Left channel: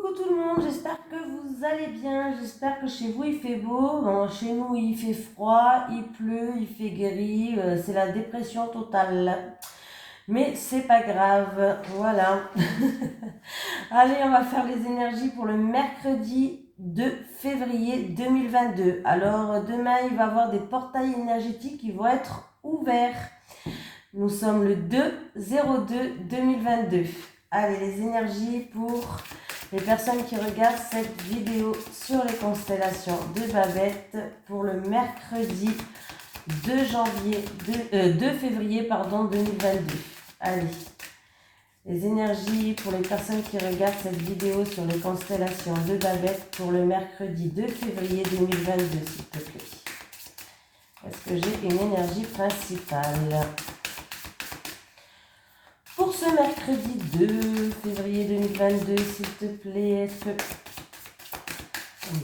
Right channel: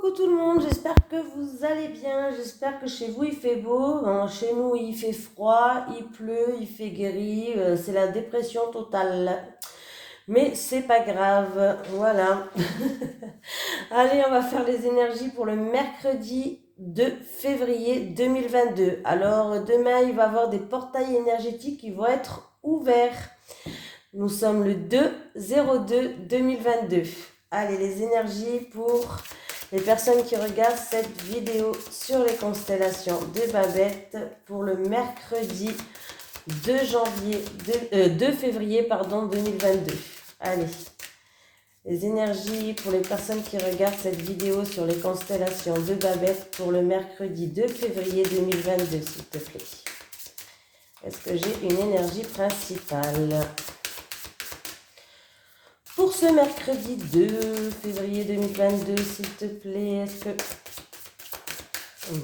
Coucou tout le monde, j'espère que vous allez bien, j'espère que chez vous il fait beau. Chez nous il fait froid, il pleut, il fait gris, c'est la dépression totale. Mais c'est pas grave, voilà. Allez, on va faire les énergies pour le mercredi 2 février 2022. Alors demain il va y avoir des portails énergétiques qui vont être ouverts. Nous sommes le 2/02/2022. Allez, les énergies pour les personnes qui regardent cette vidéo sur les constellations de Babette pour le mercredi 2 février 2022. Allez, les énergies pour les personnes qui regardent cette vidéo sur les constellations de Babette pour le mercredi 2 février 2022, s'il te plaît. Est-ce que j'ai une énergie principale pour ce mercredi 2 février 2022, s'il te plaît? Est-ce que...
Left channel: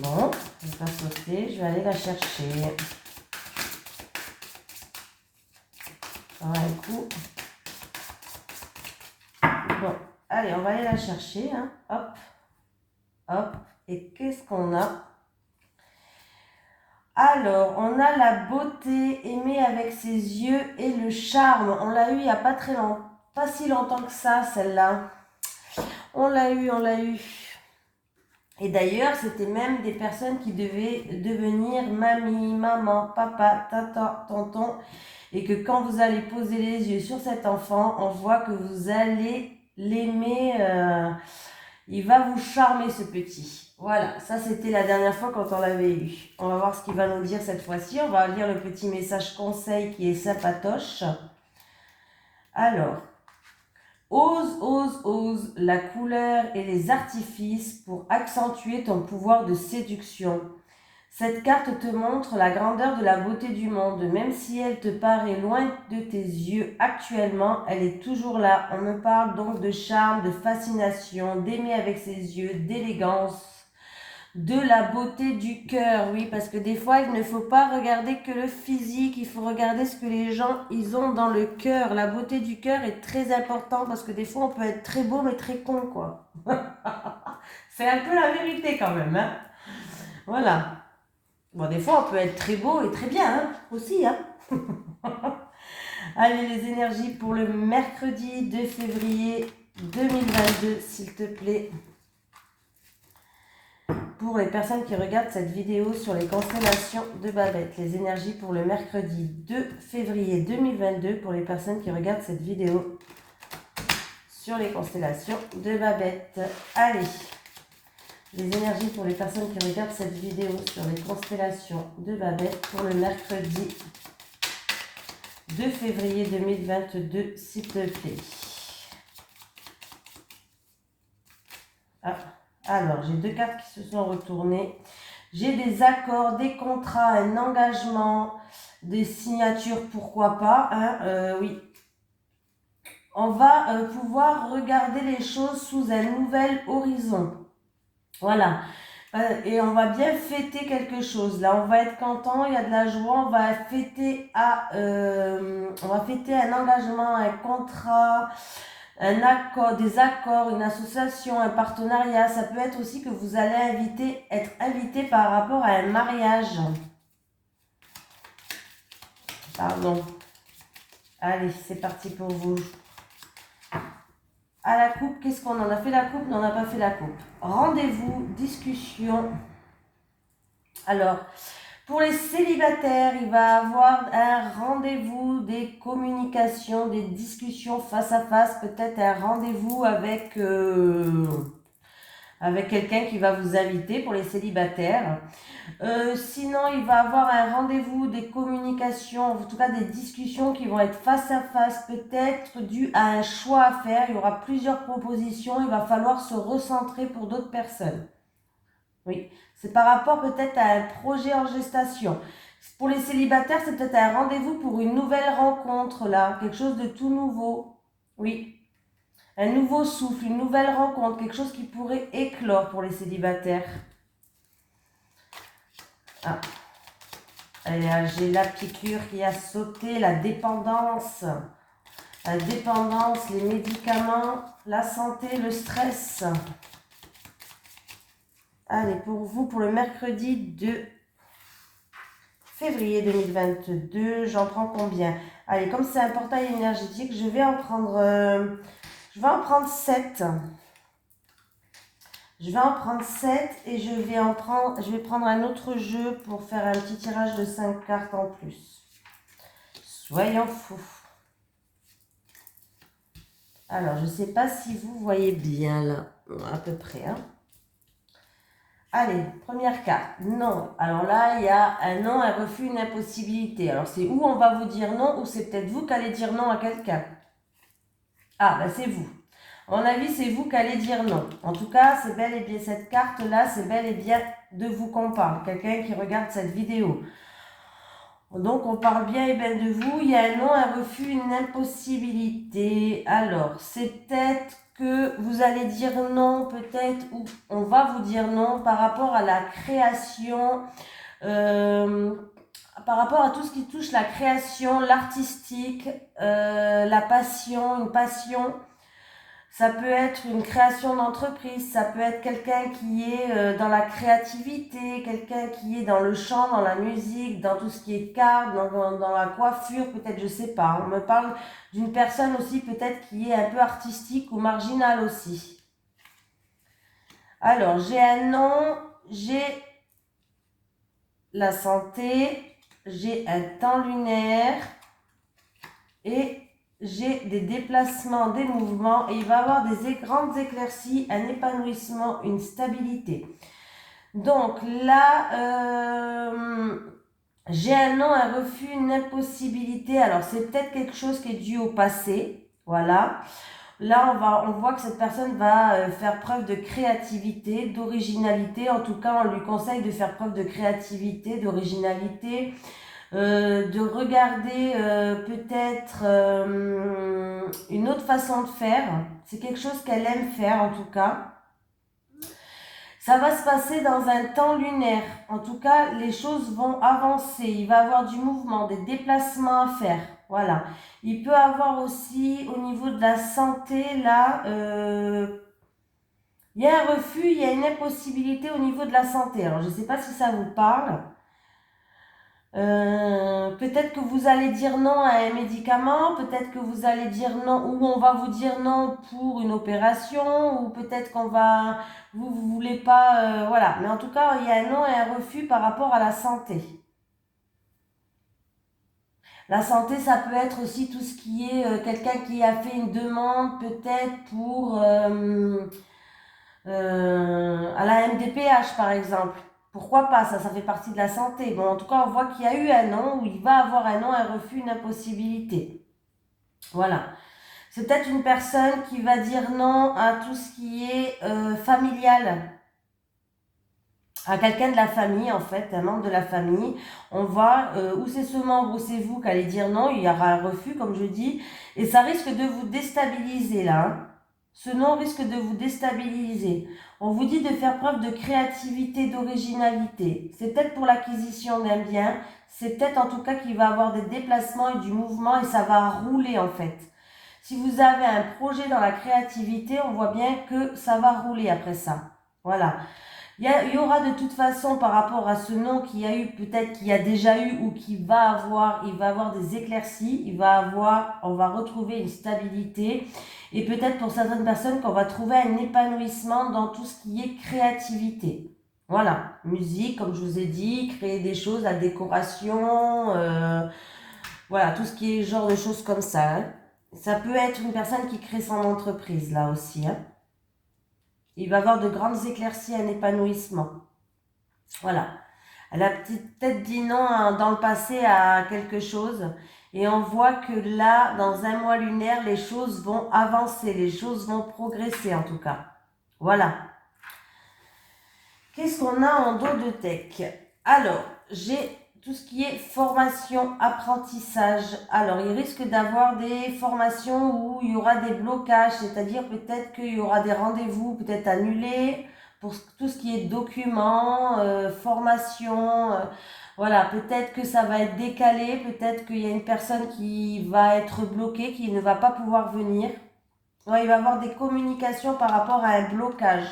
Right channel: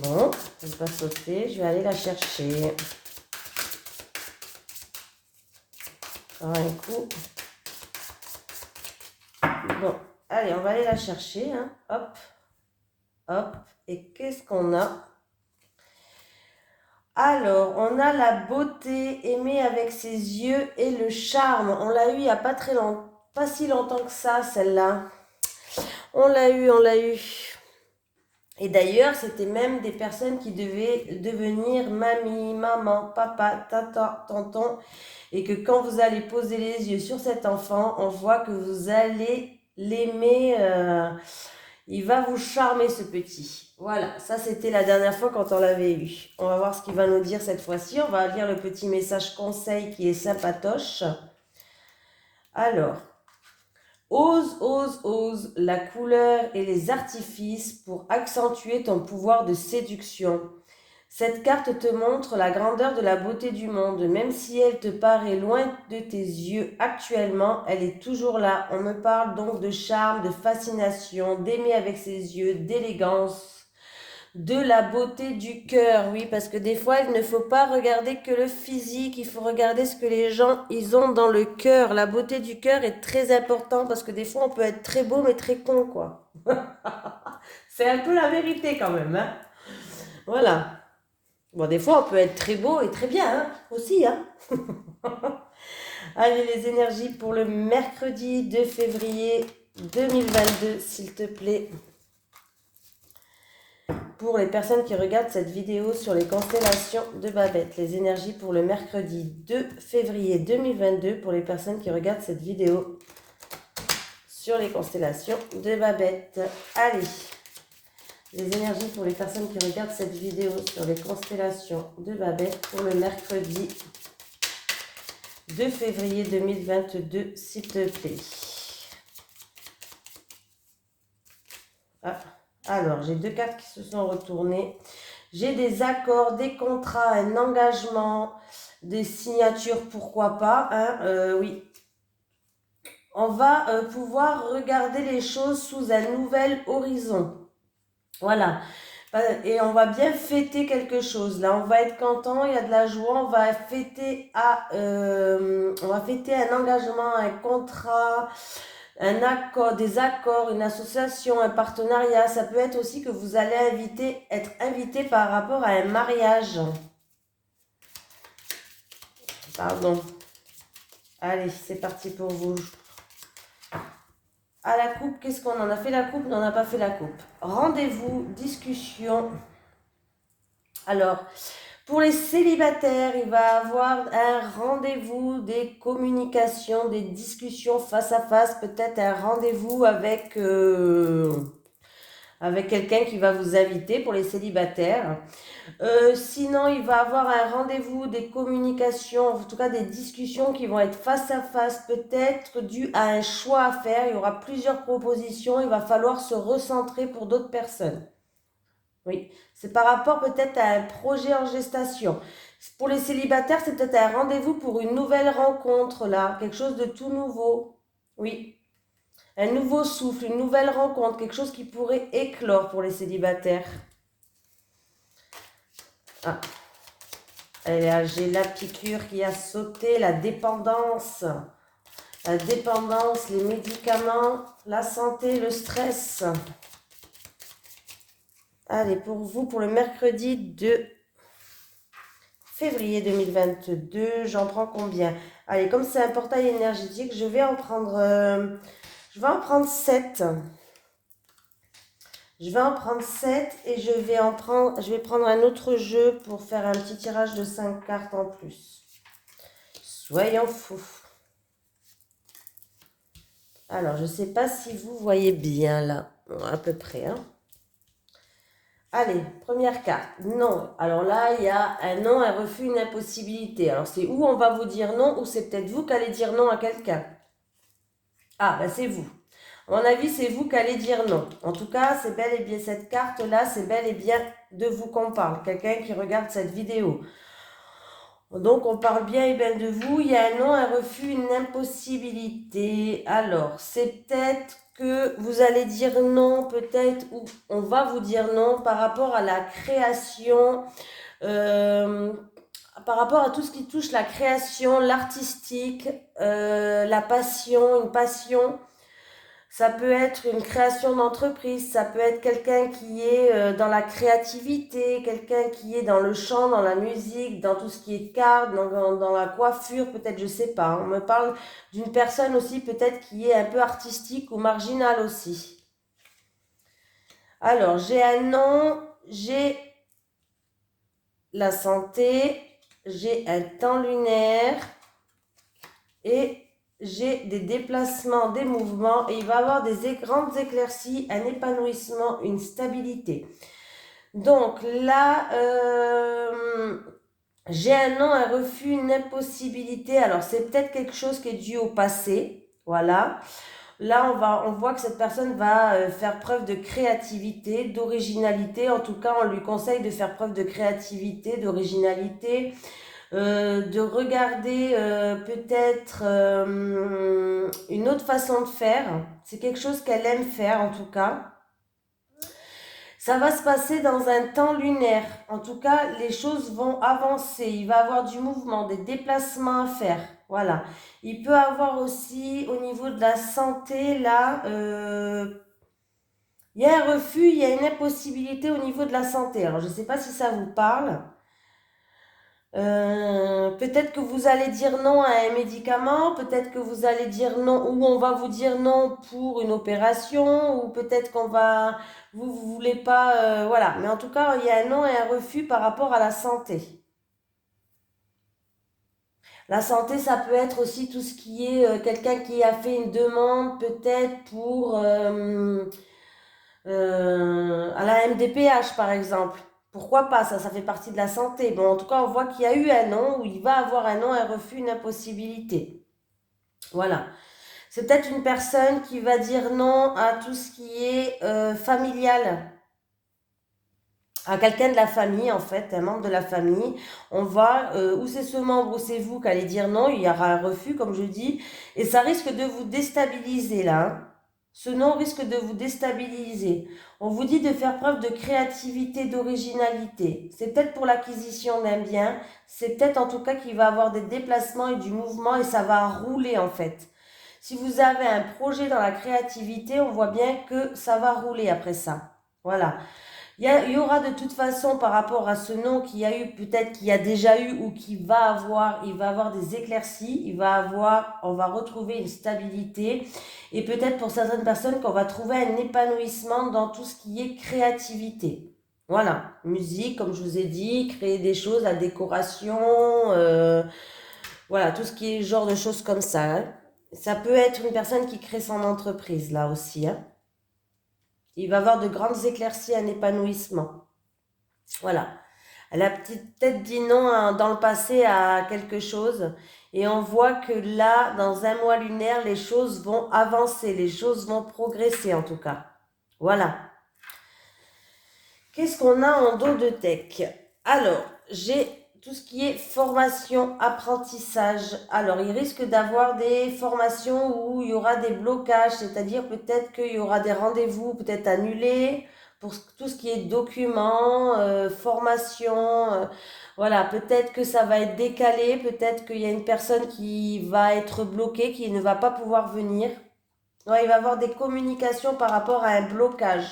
Bon, je ne vais pas sauter, je vais aller la chercher. Un coup. Bon, allez, on va aller la chercher. Hein. Hop, hop. Et qu'est-ce qu'on a? Alors, on a la beauté aimée avec ses yeux et le charme. On l'a eu il n'y a pas très longtemps. Pas si longtemps que ça, celle-là. On l'a eu. Et d'ailleurs, c'était même des personnes qui devaient devenir mamie, maman, papa, tata, tonton. Et que quand vous allez poser les yeux sur cet enfant, on voit que vous allez l'aimer. Il va vous charmer, ce petit. Voilà, ça c'était la dernière fois quand on l'avait eu. On va voir ce qu'il va nous dire cette fois-ci. On va lire le petit message conseil qui est sympatoche. Alors... Ose, ose, ose la couleur et les artifices pour accentuer ton pouvoir de séduction. Cette carte te montre la grandeur de la beauté du monde. Même si elle te paraît loin de tes yeux actuellement, elle est toujours là. On me parle donc de charme, de fascination, d'aimer avec ses yeux, d'élégance, de la beauté du cœur, oui, parce que des fois, il ne faut pas regarder que le physique, il faut regarder ce que les gens, ils ont dans le cœur. La beauté du cœur est très importante parce que des fois, on peut être très beau, mais très con, quoi. C'est un peu la vérité quand même, hein. Voilà. Bon, des fois, on peut être très beau et très bien, hein, aussi, hein. Allez, les énergies pour le mercredi 2 février 2022, s'il te plaît. Pour les personnes qui regardent cette vidéo sur les constellations de Babette, les énergies pour le mercredi 2 février 2022 pour les personnes qui regardent cette vidéo sur les constellations de Babette. Allez, les énergies pour les personnes qui regardent cette vidéo sur les constellations de Babette pour le mercredi 2 février 2022, s'il te plaît. Ah. Alors, j'ai deux cartes qui se sont retournées. J'ai des accords, des contrats, un engagement, des signatures, pourquoi pas. Hein, oui. On va pouvoir regarder les choses sous un nouvel horizon. Voilà. Et on va bien fêter quelque chose. Là, on va être content, il y a de la joie. On va fêter, on va fêter un engagement, un contrat, un accord, des accords, une association, un partenariat. Ça peut être aussi que vous allez être invité par rapport à un mariage. Pardon. Allez, c'est parti pour vous. À la coupe, qu'est-ce qu'on en a fait la coupe? Non, on n'a pas fait la coupe. Rendez-vous, discussion. Alors, pour les célibataires, il va y avoir un rendez-vous, des communications, des discussions face à face, peut-être un rendez-vous avec, avec quelqu'un qui va vous inviter pour les célibataires. Sinon, il va y avoir un rendez-vous, des communications, en tout cas des discussions qui vont être face à face, peut-être dû à un choix à faire. Il y aura plusieurs propositions, il va falloir se recentrer pour d'autres personnes. Oui, c'est par rapport peut-être à un projet en gestation. Pour les célibataires, c'est peut-être un rendez-vous pour une nouvelle rencontre, là, quelque chose de tout nouveau. Oui, un nouveau souffle, une nouvelle rencontre, quelque chose qui pourrait éclore pour les célibataires. Ah, j'ai la piqûre qui a sauté, la dépendance. La dépendance, les médicaments, la santé, le stress. Allez, pour vous, pour le mercredi 2 février 2022, j'en prends combien? Allez, comme c'est un portail énergétique, je vais en prendre 7. Je vais en prendre 7 et je vais prendre un autre jeu pour faire un petit tirage de 5 cartes en plus. Soyons fous. Alors, je ne sais pas si vous voyez bien là, à peu près. Hein. Allez, première carte. Non. Alors là, il y a un non, un refus, une impossibilité. Alors, c'est où on va vous dire non ou c'est peut-être vous qui allez dire non à quelqu'un. Ah, ben c'est vous. À mon avis, c'est vous qui allez dire non. En tout cas, c'est bel et bien cette carte-là, c'est bel et bien de vous qu'on parle. Quelqu'un qui regarde cette vidéo. Donc, on parle bien et bien de vous. Il y a un non, un refus, une impossibilité. Alors, c'est peut-être que vous allez dire non, peut-être, ou on va vous dire non par rapport à la création, par rapport à tout ce qui touche la création, l'artistique, la passion, une passion. Ça peut être une création d'entreprise, ça peut être quelqu'un qui est dans la créativité, quelqu'un qui est dans le chant, dans la musique, dans tout ce qui est cartes, dans la coiffure, peut-être, je sais pas. On me parle d'une personne aussi peut-être qui est un peu artistique ou marginale aussi. Alors, j'ai un nom, j'ai la santé, j'ai un temps lunaire et j'ai des déplacements, des mouvements et il va y avoir des grandes éclaircies, un épanouissement, une stabilité. Donc là, j'ai un non, un refus, une impossibilité. Alors c'est peut-être quelque chose qui est dû au passé. Voilà. Là, on voit que cette personne va faire preuve de créativité, d'originalité. En tout cas, on lui conseille de faire preuve de créativité, d'originalité. De regarder peut-être une autre façon de faire. C'est quelque chose qu'elle aime faire en tout cas. Ça va se passer dans un temps lunaire. En tout cas, les choses vont avancer. Il va y avoir du mouvement, des déplacements à faire. Voilà. Il peut avoir aussi au niveau de la santé, là, il y a un refus, il y a une impossibilité au niveau de la santé. Alors, je ne sais pas si ça vous parle. Peut-être que vous allez dire non à un médicament, peut-être que vous allez dire non, ou on va vous dire non pour une opération, ou peut-être vous voulez pas, voilà. Mais en tout cas, il y a un non et un refus par rapport à la santé. La santé, ça peut être aussi tout ce qui est quelqu'un qui a fait une demande, peut-être pour à la MDPH par exemple. Pourquoi pas, ça fait partie de la santé. Bon, en tout cas, on voit qu'il y a eu un non, ou il va avoir un non, un refus, une impossibilité. Voilà. C'est peut-être une personne qui va dire non à tout ce qui est familial, à quelqu'un de la famille en fait, un membre de la famille. On voit où c'est ce membre, où c'est vous qui allez dire non, il y aura un refus comme je dis, et ça risque de vous déstabiliser là. Hein. Ce non risque de vous déstabiliser. On vous dit de faire preuve de créativité, d'originalité. C'est peut-être pour l'acquisition d'un bien, c'est peut-être en tout cas qu'il va avoir des déplacements et du mouvement et ça va rouler en fait. Si vous avez un projet dans la créativité, on voit bien que ça va rouler après ça. Voilà. Il y aura de toute façon par rapport à ce nom qu'il y a eu, peut-être qu'il y a déjà eu ou qu'il va avoir, il va avoir des éclaircies, on va retrouver une stabilité et peut-être pour certaines personnes qu'on va trouver un épanouissement dans tout ce qui est créativité. Voilà, musique, comme je vous ai dit, créer des choses, la décoration, voilà, tout ce qui est genre de choses comme ça. Hein. Ça peut être une personne qui crée son entreprise là aussi. Hein. Il va avoir de grandes éclaircies, un épanouissement. Voilà. Elle a peut-être dit non hein, dans le passé à quelque chose. Et on voit que là, dans un mois lunaire, les choses vont avancer, les choses vont progresser en tout cas. Voilà. Qu'est-ce qu'on a en dos de tech? Alors, j'ai tout ce qui est formation, apprentissage. Alors, il risque d'avoir des formations où il y aura des blocages, c'est-à-dire peut-être qu'il y aura des rendez-vous peut-être annulés pour tout ce qui est documents, formation. Voilà, peut-être que ça va être décalé, peut-être qu'il y a une personne qui va être bloquée, qui ne va pas pouvoir venir. Ouais, il va y avoir des communications par rapport à un blocage.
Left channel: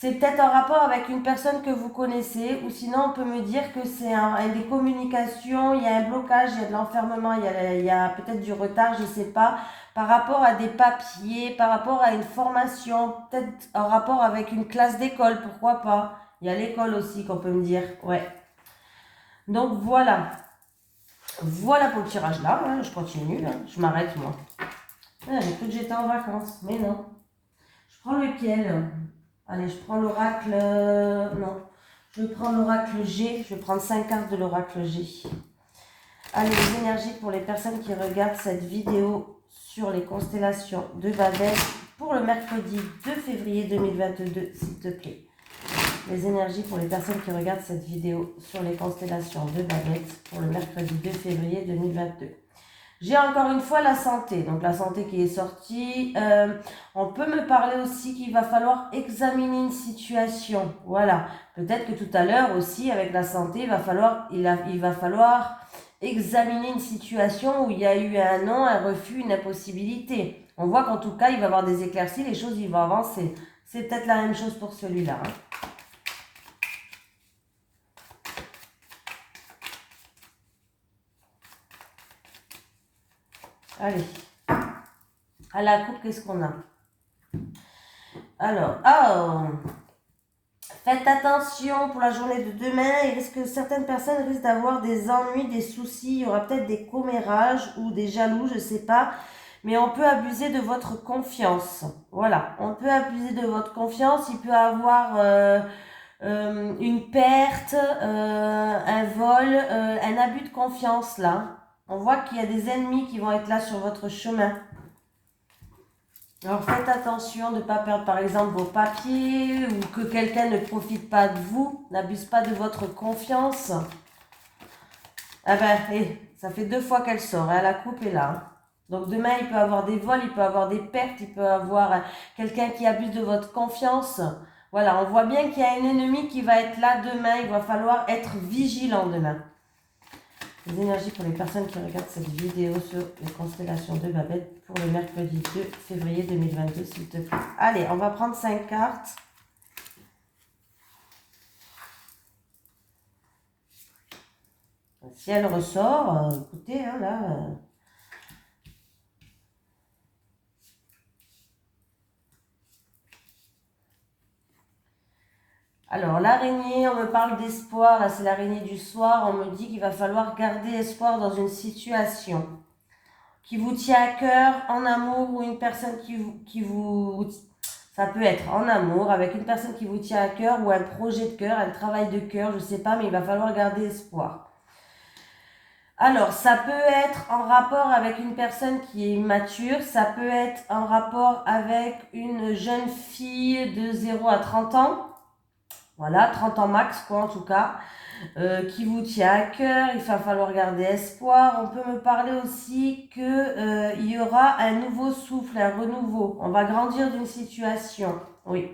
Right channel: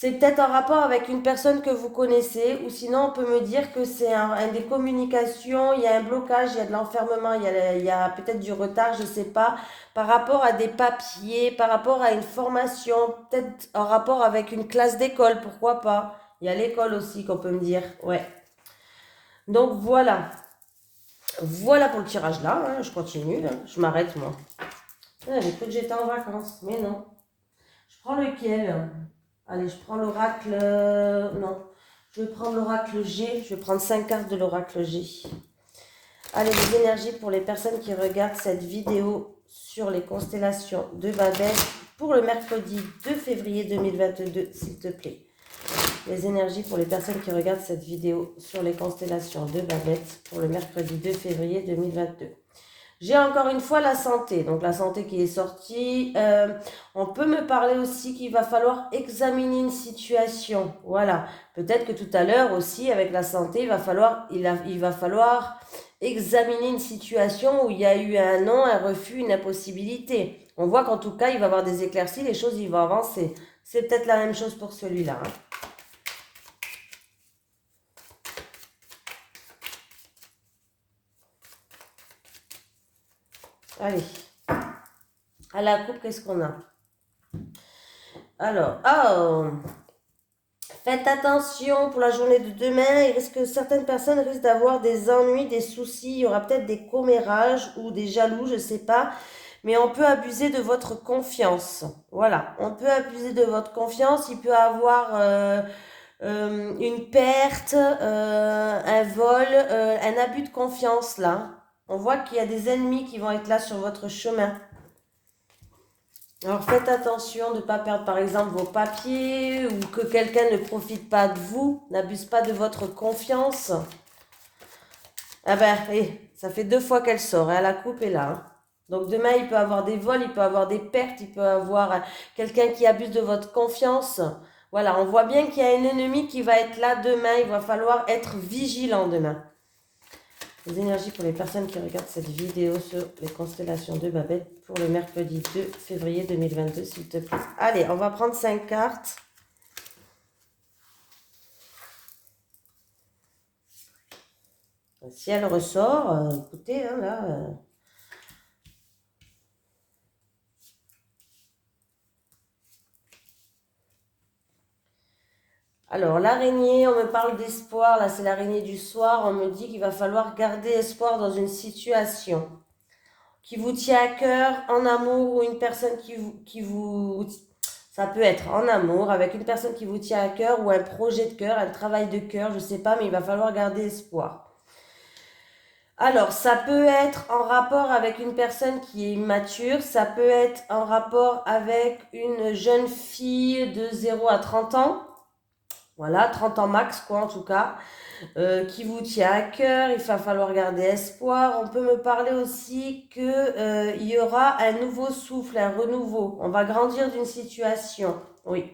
C'est peut-être en rapport avec une personne que vous connaissez, ou sinon on peut me dire que c'est des communications, il y a un blocage, il y a de l'enfermement, il y a peut-être du retard, je ne sais pas, par rapport à des papiers, par rapport à une formation, peut-être en rapport avec une classe d'école, pourquoi pas. Il y a l'école aussi qu'on peut me dire, ouais. Donc voilà, voilà pour le tirage là, hein, je continue, hein, je m'arrête moi. Ah, j'ai cru que j'étais en vacances, mais non. Je prends lequel? Allez, je prends l'oracle, non. Je vais prendre l'oracle G, je vais prendre 5 cartes de l'oracle G. Allez, les énergies pour les personnes qui regardent cette vidéo sur les constellations de Babel pour le mercredi 2 février 2022, s'il te plaît. Les énergies pour les personnes qui regardent cette vidéo sur les constellations de Babel pour le mercredi 2 février 2022. J'ai encore une fois la santé, donc la santé qui est sortie. On peut me parler aussi qu'il va falloir examiner une situation. Voilà, peut-être que tout à l'heure aussi avec la santé, il va falloir examiner une situation où il y a eu un non, un refus, une impossibilité. On voit qu'en tout cas, il va y avoir des éclaircies, les choses, ils vont avancer. C'est peut-être la même chose pour celui-là. Hein. Allez, à la coupe, qu'est-ce qu'on a? Alors, faites attention pour la journée de demain. Il risque que certaines personnes risquent d'avoir des ennuis, des soucis. Il y aura peut-être des commérages ou des jaloux, je ne sais pas. Mais on peut abuser de votre confiance. Voilà, on peut abuser de votre confiance. Il peut avoir une perte, un vol, un abus de confiance là. On voit qu'il y a des ennemis qui vont être là sur votre chemin. Alors faites attention de ne pas perdre par exemple vos papiers ou que quelqu'un ne profite pas de vous, n'abuse pas de votre confiance. Ah ben, ça fait 2 fois qu'elle sort, hein, la coupe est là. Hein. Donc demain, il peut avoir des vols, il peut avoir des pertes, il peut avoir quelqu'un qui abuse de votre confiance. Voilà, on voit bien qu'il y a un ennemi qui va être là demain, il va falloir être vigilant demain. Les énergies pour les personnes qui regardent cette vidéo sur les constellations de Babel pour le mercredi 2 février 2022, s'il te plaît. Allez, on va prendre 5 cartes. Si elle ressort, écoutez, hein, là... Alors, l'araignée, on me parle d'espoir. Là, c'est l'araignée du soir. On me dit qu'il va falloir garder espoir dans une situation qui vous tient à cœur, en amour, ou une personne qui vous... Ça peut être en amour, avec une personne qui vous tient à cœur, ou un projet de cœur, un travail de cœur, je ne sais pas, mais il va falloir garder espoir. Alors, ça peut être en rapport avec une personne qui est immature, ça peut être en rapport avec une jeune fille de 0 à 30 ans. Voilà, 30 ans max, quoi, en tout cas, qui vous tient à cœur, il va falloir garder espoir. On peut me parler aussi qu'il y aura un nouveau souffle, un renouveau. On va grandir d'une situation, oui.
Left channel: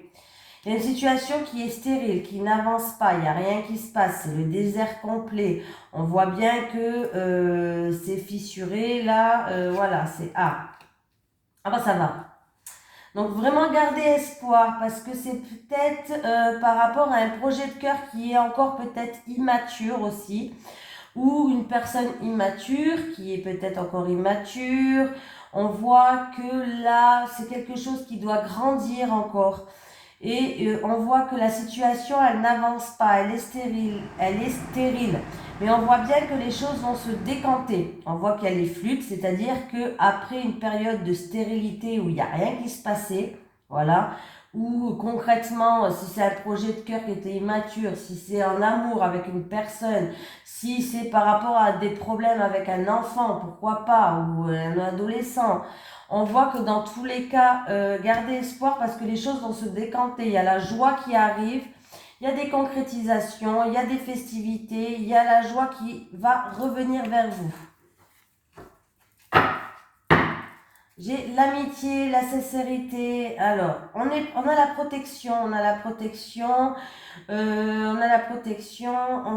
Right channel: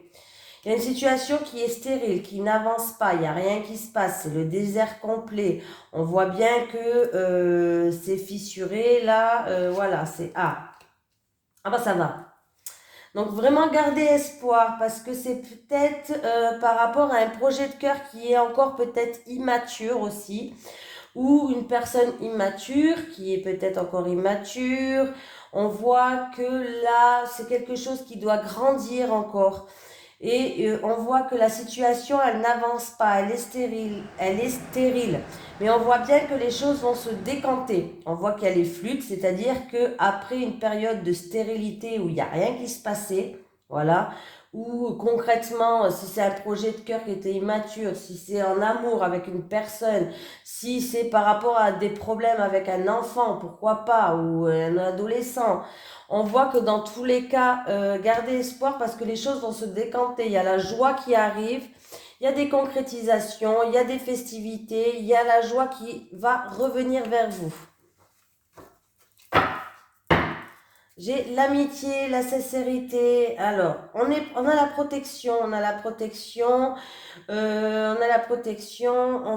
Il y a une situation qui est stérile, qui n'avance pas, il n'y a rien qui se passe, c'est le désert complet. On voit bien que c'est fissuré, là, voilà, c'est... Ah bah ça va. Donc vraiment garder espoir parce que c'est peut-être par rapport à un projet de cœur qui est encore peut-être immature aussi ou une personne immature qui est peut-être encore immature. On voit que là c'est quelque chose qui doit grandir encore et on voit que la situation elle n'avance pas, elle est stérile. Mais on voit bien que les choses vont se décanter. On voit qu'elle est fluide, c'est-à-dire qu'après une période de stérilité où il n'y a rien qui se passait, voilà, ou concrètement, si c'est un projet de cœur qui était immature, si c'est en amour avec une personne, si c'est par rapport à des problèmes avec un enfant, pourquoi pas, ou un adolescent, on voit que dans tous les cas, gardez espoir parce que les choses vont se décanter. Il y a la joie qui arrive, il y a des concrétisations, il y a des festivités, il y a la joie qui va revenir vers vous. J'ai l'amitié, la sincérité. Alors, on a la protection, on a la protection, on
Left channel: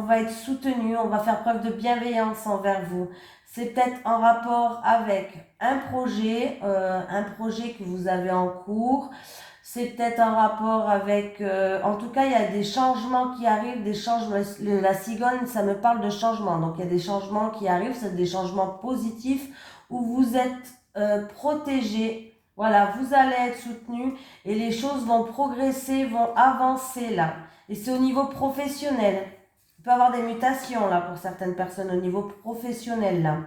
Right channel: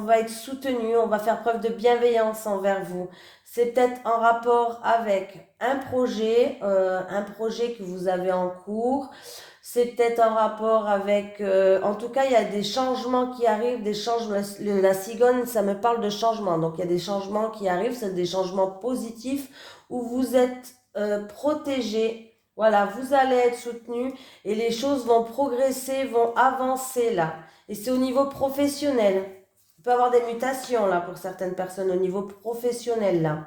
va être soutenu, on va faire preuve de bienveillance envers vous. C'est peut-être en rapport avec un projet que vous avez en cours. C'est peut-être en rapport avec... en tout cas, il y a des changements qui arrivent, des changements... La cigogne, ça me parle de changements. Donc, il y a des changements qui arrivent, c'est des changements positifs où vous êtes protégé. Voilà, vous allez être soutenu et les choses vont progresser, vont avancer là. Et c'est au niveau professionnel. Il peut y avoir des mutations là pour certaines personnes au niveau professionnel là.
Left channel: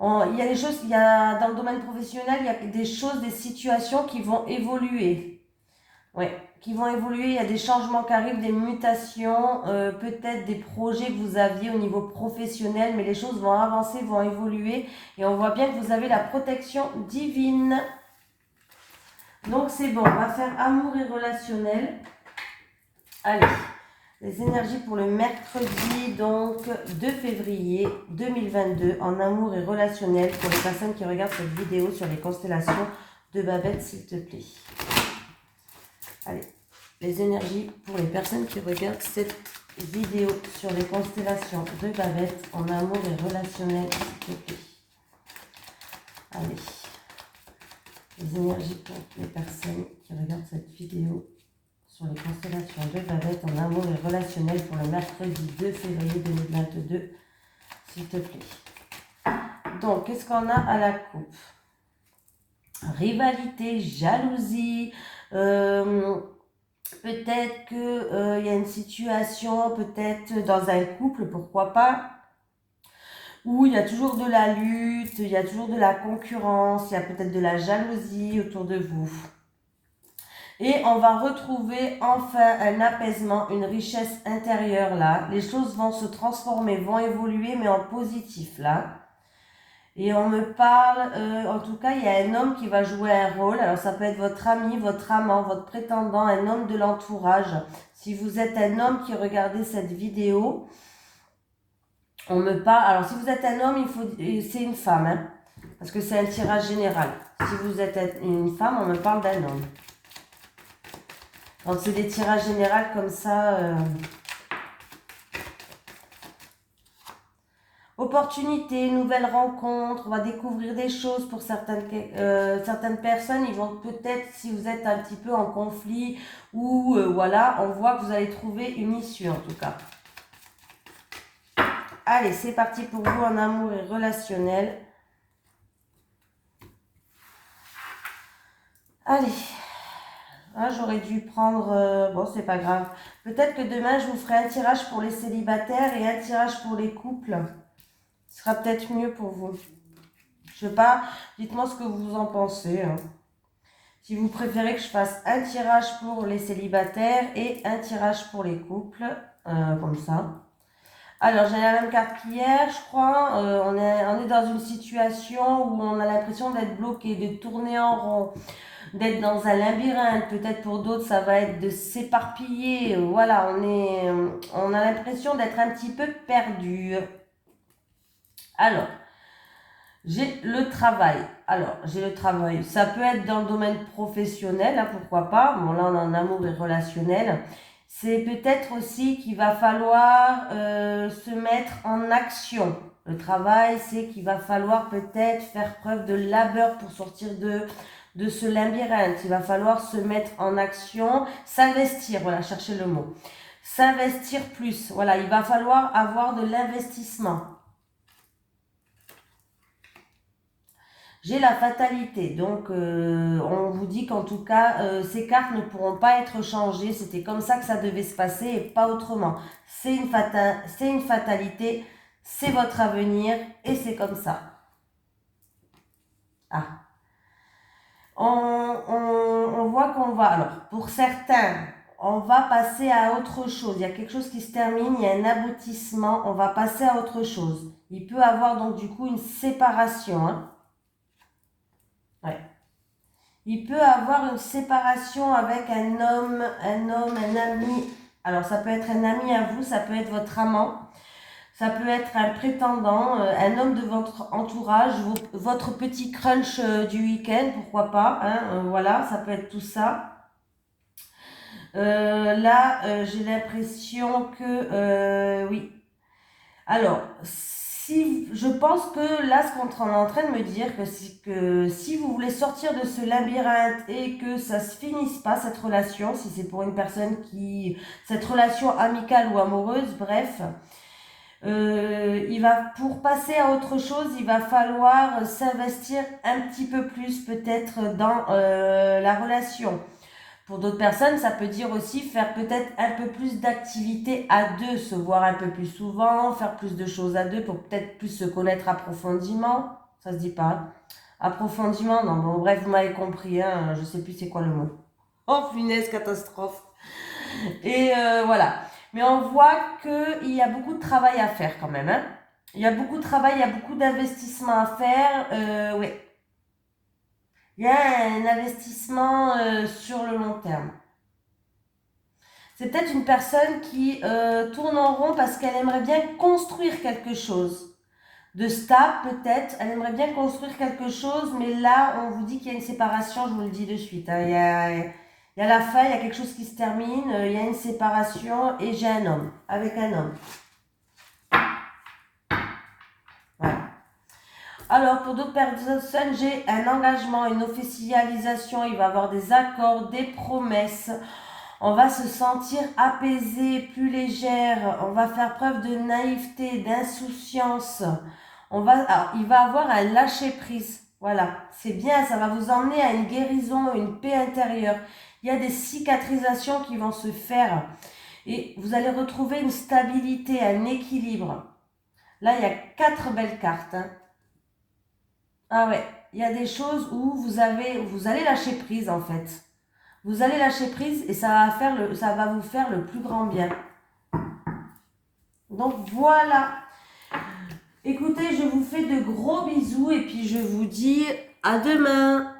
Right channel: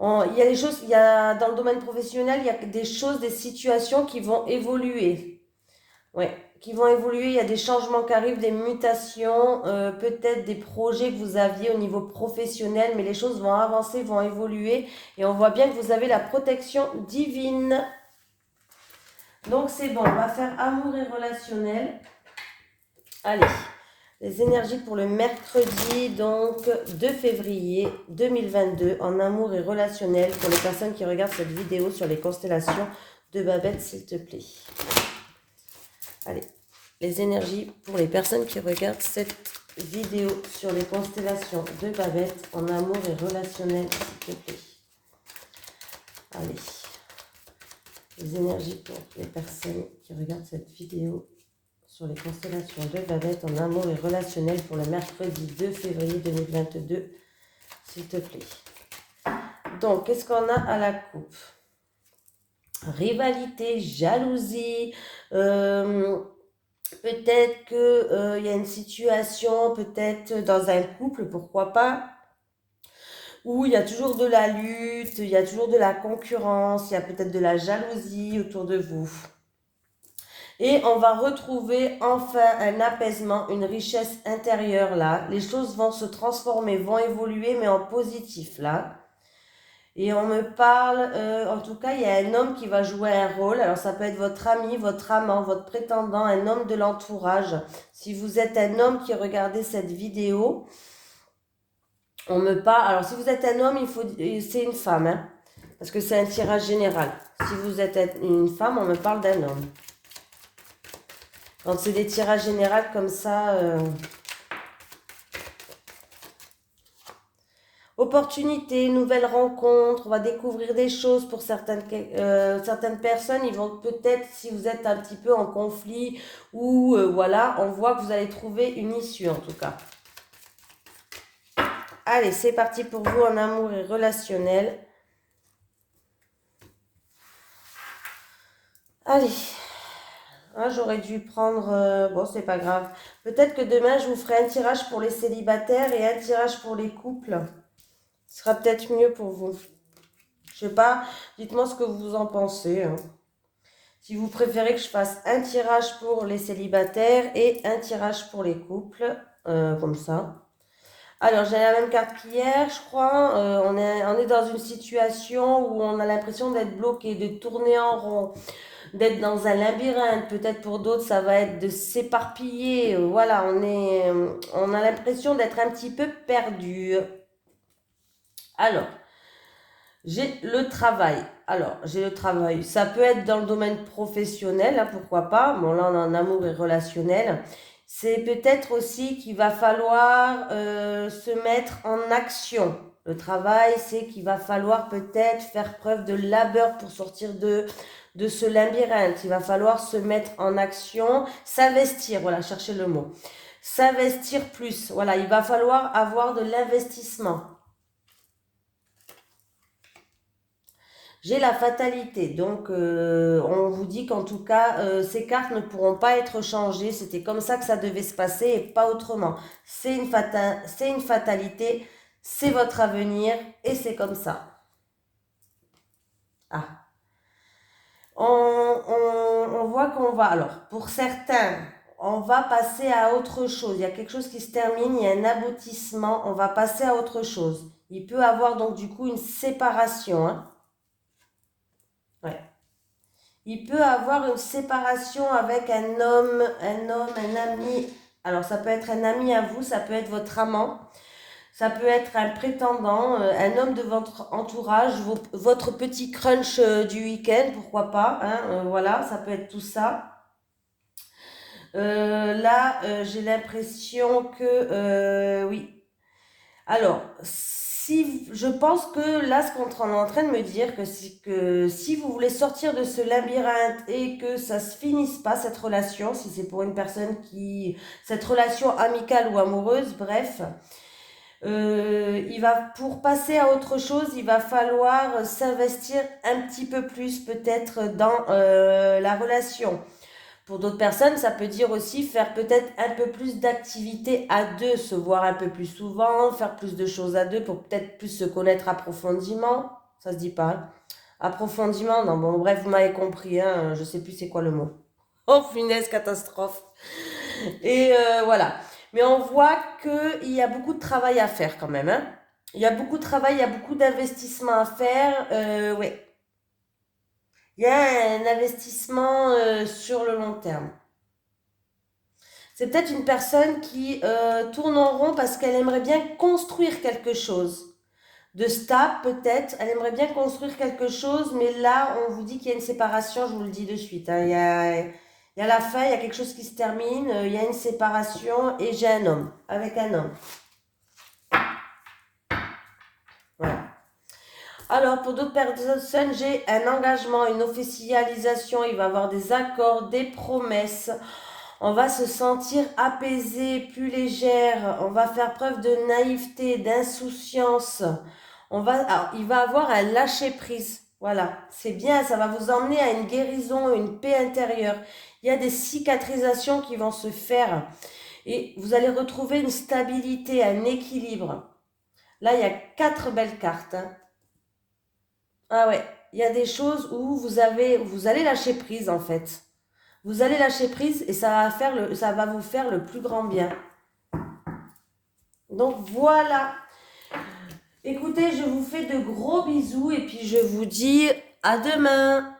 Il y a des choses, dans le domaine professionnel, il y a des choses, des situations qui vont évoluer. Ouais, qui vont évoluer. Il y a des changements qui arrivent, des mutations, peut-être des projets que vous aviez au niveau professionnel, mais les choses vont avancer, vont évoluer. Et on voit bien que vous avez la protection divine. Donc c'est bon, on va faire amour et relationnel. Allez. Les énergies pour le mercredi, donc 2 février 2022, en amour et relationnel, pour les personnes qui regardent cette vidéo sur les constellations de Babette, s'il te plaît. Allez, les énergies pour les personnes qui regardent cette vidéo sur les constellations de Babette, en amour et relationnel, s'il te plaît. Allez, les énergies pour les personnes qui regardent cette vidéo sur les constellations de Babette en amour et relationnel pour le mercredi 2 février 2022, s'il te plaît. Donc, qu'est-ce qu'on a à la coupe? Rivalité, jalousie, peut-être qu'il y a une situation, peut-être dans un couple, pourquoi pas, où il y a toujours de la lutte, il y a toujours de la concurrence, il y a peut-être de la jalousie autour de vous. Et on va retrouver enfin un apaisement, une richesse intérieure là. Les choses vont se transformer, vont évoluer, mais en positif là. Et on me parle, en tout cas, il y a un homme qui va jouer un rôle. Alors ça peut être votre ami, votre amant, votre prétendant, un homme de l'entourage. Si vous êtes un homme qui regardez cette vidéo, on me parle... Alors si vous êtes un homme, c'est une femme, hein, parce que c'est un tirage général. Si vous êtes une femme, on me parle d'un homme. Quand c'est des tirages généraux comme ça, opportunité, nouvelles rencontres, on va découvrir des choses pour certaines personnes. Ils vont peut-être, si vous êtes un petit peu en conflit ou voilà, on voit que vous allez trouver une issue en tout cas. Allez, c'est parti pour vous en amour et relationnel. Allez. Ah, j'aurais dû prendre... bon, c'est pas grave. Peut-être que demain, je vous ferai un tirage pour les célibataires et un tirage pour les couples. Ce sera peut-être mieux pour vous. Je sais pas, dites-moi ce que vous en pensez. Hein. Si vous préférez que je fasse un tirage pour les célibataires et un tirage pour les couples, comme ça. Alors, j'ai la même carte qu'hier, je crois. On est dans une situation où on a l'impression d'être bloqué, de tourner en rond, d'être dans un labyrinthe. Peut-être pour d'autres, ça va être de s'éparpiller. Voilà, on a l'impression d'être un petit peu perdu. Alors, j'ai le travail. Alors, j'ai le travail. Ça peut être dans le domaine professionnel, hein, pourquoi pas. Bon, là, on est en amour et relationnel. C'est peut-être aussi qu'il va falloir se mettre en action. Le travail, c'est qu'il va falloir peut-être faire preuve de labeur pour sortir de ce labyrinthe. Il va falloir se mettre en action, s'investir, voilà, cherchez le mot. S'investir plus, voilà, il va falloir avoir de l'investissement. J'ai la fatalité, donc on vous dit qu'en tout cas, ces cartes ne pourront pas être changées. C'était comme ça que ça devait se passer et pas autrement. C'est une fatalité, c'est votre avenir et c'est comme ça. Ah. On voit qu'on va, alors pour certains, on va passer à autre chose. Il y a quelque chose qui se termine, il y a un aboutissement, on va passer à autre chose. Il peut avoir donc du coup une séparation, hein. Ouais. Il peut avoir une séparation avec un homme, un ami. Alors, ça peut être un ami à vous, ça peut être votre amant, ça peut être un prétendant, un homme de votre entourage, votre petit crunch du week-end, pourquoi pas. Hein, voilà, ça peut être tout ça. Là, j'ai l'impression que, oui. Alors, je pense que là, ce qu'on est en train de me dire, que si vous voulez sortir de ce labyrinthe et que ça se finisse pas, cette relation, si c'est pour une personne cette relation amicale ou amoureuse, bref, pour passer à autre chose, il va falloir s'investir un petit peu plus peut-être dans la relation. Pour d'autres personnes, ça peut dire aussi faire peut-être un peu plus d'activités à deux, se voir un peu plus souvent, faire plus de choses à deux pour peut-être plus se connaître approfondément. Ça se dit pas, hein. Approfondiment, non, bon, bref, vous m'avez compris, hein, je sais plus c'est quoi le mot. Oh, punaise, catastrophe. Et voilà. Mais on voit qu'il y a beaucoup de travail à faire quand même, hein. Il y a beaucoup de travail, il y a beaucoup d'investissement à faire. Oui, il y a un investissement sur le long terme. C'est peut-être une personne qui tourne en rond parce qu'elle aimerait bien construire quelque chose. De stable, peut-être, elle aimerait bien construire quelque chose, mais là, on vous dit qu'il y a une séparation, je vous le dis de suite, hein. Il y a la fin, il y a quelque chose qui se termine, il y a une séparation et j'ai un homme, avec un homme. Voilà. Alors, pour d'autres personnes, j'ai un engagement, une officialisation, il va y avoir des accords, des promesses. On va se sentir apaisé, plus légère. On va faire preuve de naïveté, d'insouciance. Il va avoir un lâcher-prise. Voilà, c'est bien, ça va vous emmener à une guérison, une paix intérieure. Il y a des cicatrisations qui vont se faire et vous allez retrouver une stabilité, un équilibre. Là, il y a 4 belles cartes, hein. Ah ouais, il y a des choses où vous allez lâcher prise en fait. Vous allez lâcher prise et ça va vous faire le plus grand bien. Donc voilà. Écoutez, je vous fais de gros bisous et puis je vous dis à demain.